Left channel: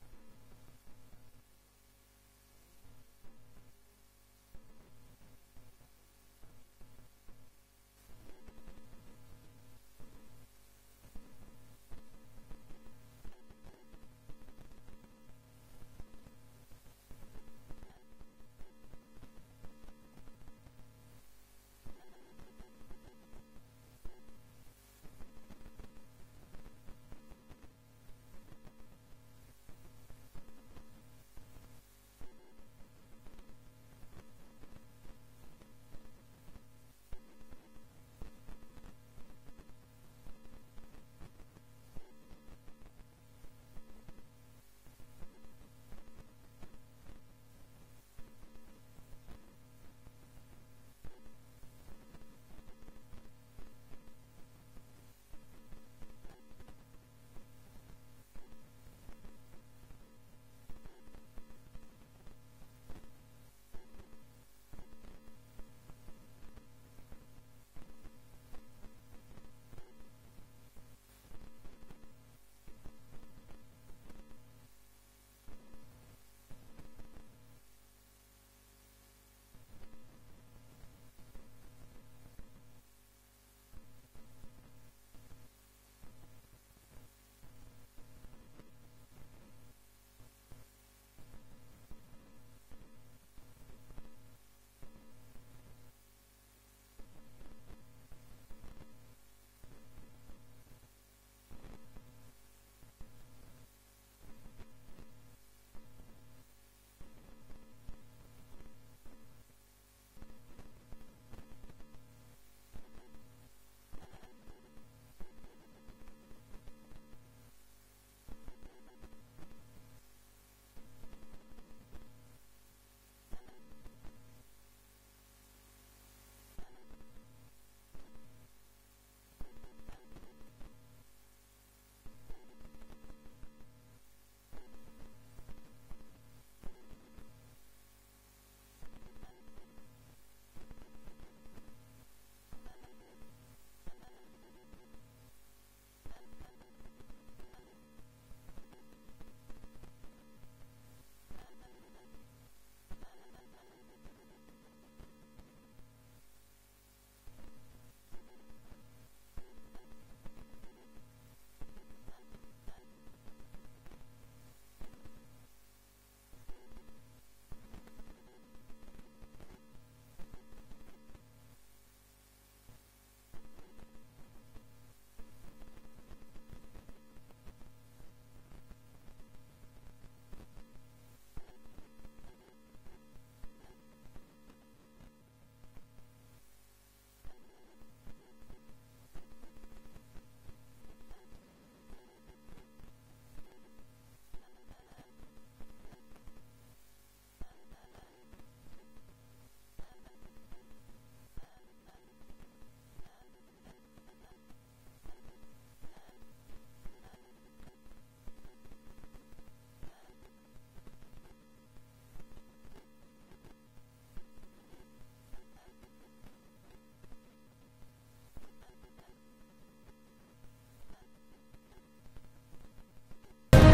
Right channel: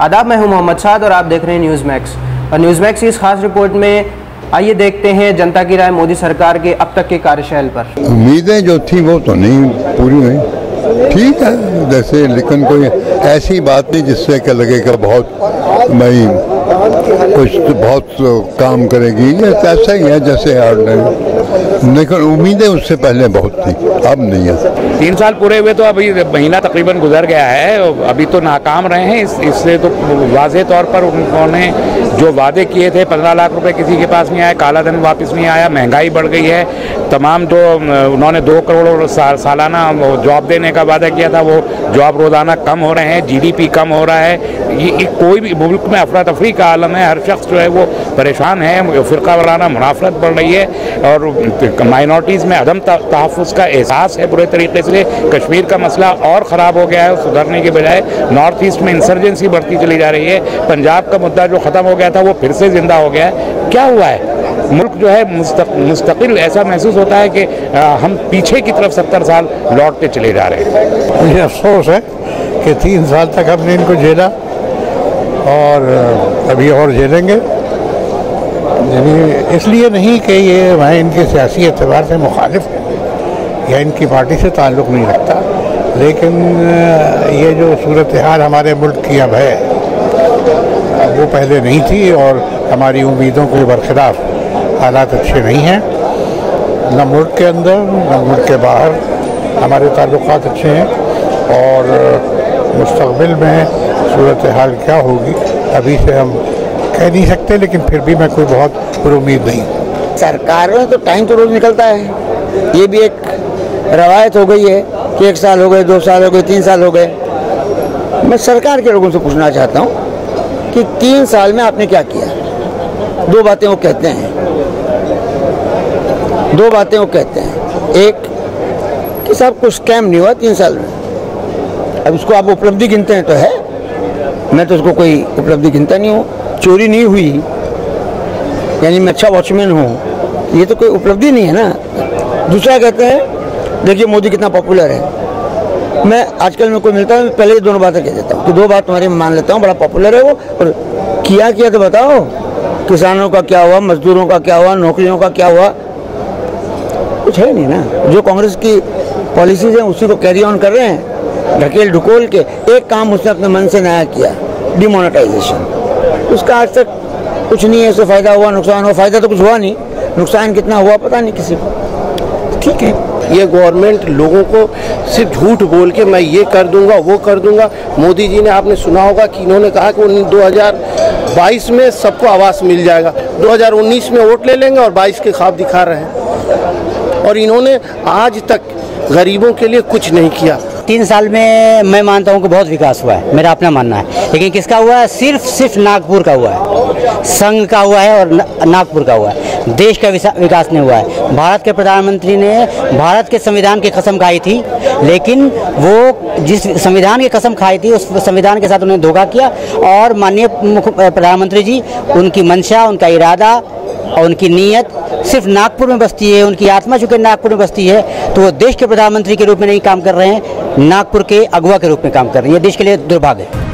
आदाब, मैं हूं मोहम्मद साद और आप देख रहे हैं न्यूज़ मैक्स। और न्यूज़ मैक्स की इस खास रिपोर्ट में आइए देखते हैं जनता की राय मोदी सरकार के अब तक के कार्यशैल पर। उम्मीदें जो थी वो तो नहीं पूरी हुई, ठीक है जैसे, लेकिन कोई ऐसी बात नहीं जिससे कि लगेगा बहुत भाई कुछ बहुत काम करेगी, ये ऐसा ही है जैसे लेकिन उम्मीदें उससे पहले बहुत थी, अब नहीं है। 3 साल पूरे हुए तो अभी महीना तकरीबन गुजर गया है, अभी तो नाकाम रहे हैं। इससे तो वाज़ेह तौर पर उन्होंने जो वादे किए थे 15 लाख रुपए किसी के पास नहीं आया, काला धन वापस नहीं आया, महंगाई बढ़ गई है, तमाम जो उन्होंने 2 करोड़ सालाना जॉब देने का वादा किया था वो जॉब रोज़ाना कम हो रहे हैं, जीडीपी कम हो रहा है। ये कोई भी मुल्क में अफरा तफरी का आलम है, हर शख्स जो है वो परेशान है, फ़िरका वाराना मुनाफरत बढ़ रही है और माइनॉरिटीज़ में अदम तहफ़्फ़ुज़ का एहसास है बुरे तरीके से। कश्मीर का मसला और ख़राब हो गया है, सुधरने के बजाय नॉर्थ ईस्ट में इंसर्जेंसी बढ़ती चली जा रही है। पंजाब का मुद्दा जो ख़त्म हो गया था वो फिर से ज़िंदा हो गया है। क्या हुआ है? मुल्क जो है मुस्तकिल ऐसा महसूस होता है कि हम पीछे की तरफ 70 साल लौटते चले जा रहे हैं। मुझे अफसोस है कि 3 साल तक हमने इनको झेला और अभी और झेलेंगे। यानी इसलिए नहीं कि ये मैं इनके सियासी एतबार से मुखालिफ है या इनकी पार्टी से ताल्लुक़ नहीं रखता, लेकिन ये जो सूरत हाल हमारे मुल्क की अब है वो पहले नहीं थी और हमारी उम्मीदों के बरखिलाफ हालात अच्छे नहीं हैं, न मुल्क के अंदर न मुल्क के बाहर हमारे ताल्लुकात अच्छे हैं और मुस्तक़बिल में सूरत हाल क्या होगी अभी से हम कह नहीं सकते, लेकिन फिर भी मैं कोई बहुत पुरुमीद नहीं हूँ। सरकार में तो टाइम तो रोज़ निकलता है, ये भी एक रवायत हो गई है कि 1 साल हो गए, 2 साल हो गए, 3 साल हो गए। मैं सरकार के लोगों से पूछना चाहता हूँ कि 3 साल में आपने क्या किया? 2 बातें वो कहते हैं, 2 बातें वो कहते हैं। एक कि साहब कुछ स्कैम नहीं हुआ 3 साल में। अब इसको आप उपलब्धि गिनते हैं तो है, मैं तो उसको कोई उपलब्धि गिनता नहीं हूँ। चोरी नहीं हुई यानी मैं अच्छा वॉचमैन हूँ, ये तो कोई उपलब्धि नहीं है ना। दूसरा कहते हैं देखिए मोदी कितना पॉपुलर है। मैं आजकल में कोई मिलता है पहले ही दोनों बातें कह देता हूँ कि 2 बात तुम्हारी मान लेता हूँ, बड़ा पॉपुलर है वो, और किया तो बताओ। किसानों का क्या हुआ, मजदूरों का क्या हुआ, नौकरियों का क्या हुआ? कुछ है नहीं ना। जो कांग्रेस की पॉलिसीज हैं उसी को कैरी ऑन कर रहे हैं, ढकेल ढुकोल के। एक काम उसने अपने मन से नया किया, डिमोनेटाइजेशन। उसका आज तक कुछ नहीं है, उससे फ़ायदा हुआ नुकसान हुआ? फ़ायदा तो कुछ हुआ नहीं, नुकसान कितना हुआ पता नहीं किसी को। ठीक है, ये गवर्नमेंट लोगों को सिर्फ झूठ बोल के मैं ये कर दूंगा वो कर दूंगा। मोदी जी ने, आपने सुना होगा कि इन्होंने कहा कि 2022 में सबको आवास मिल जाएगा, 2019 में वोट ले लेंगे और 22 के ख्वाब दिखा रहे हैं। और इन्होंने आज तक गरीबों के लिए कुछ नहीं किया। 3 साल में मैं मानता हूँ कि बहुत विकास हुआ है, मेरा अपना मानना है, लेकिन किसका हुआ है? सिर्फ नागपुर का हुआ है, संघ का हुआ है और नागपुर का हुआ है। देश का विकास नहीं हुआ है। भारत के प्रधानमंत्री ने भारत के संविधान की कसम खाई थी, लेकिन वो जिस संविधान की कसम खाई थी उस संविधान के साथ उन्होंने धोखा किया। और माननीय प्रधानमंत्री जी, उनकी मंशा, उनका इरादा और उनकी नीयत सिर्फ नागपुर में बसती है, उनकी आत्मा चूँकि नागपुर में बसती है, तो वो देश के प्रधानमंत्री के रूप में नहीं काम कर रहे हैं, नागपुर के अगुवा के रूप में काम कर रहे हैं। ये देश के लिए दुर्भाग्य है।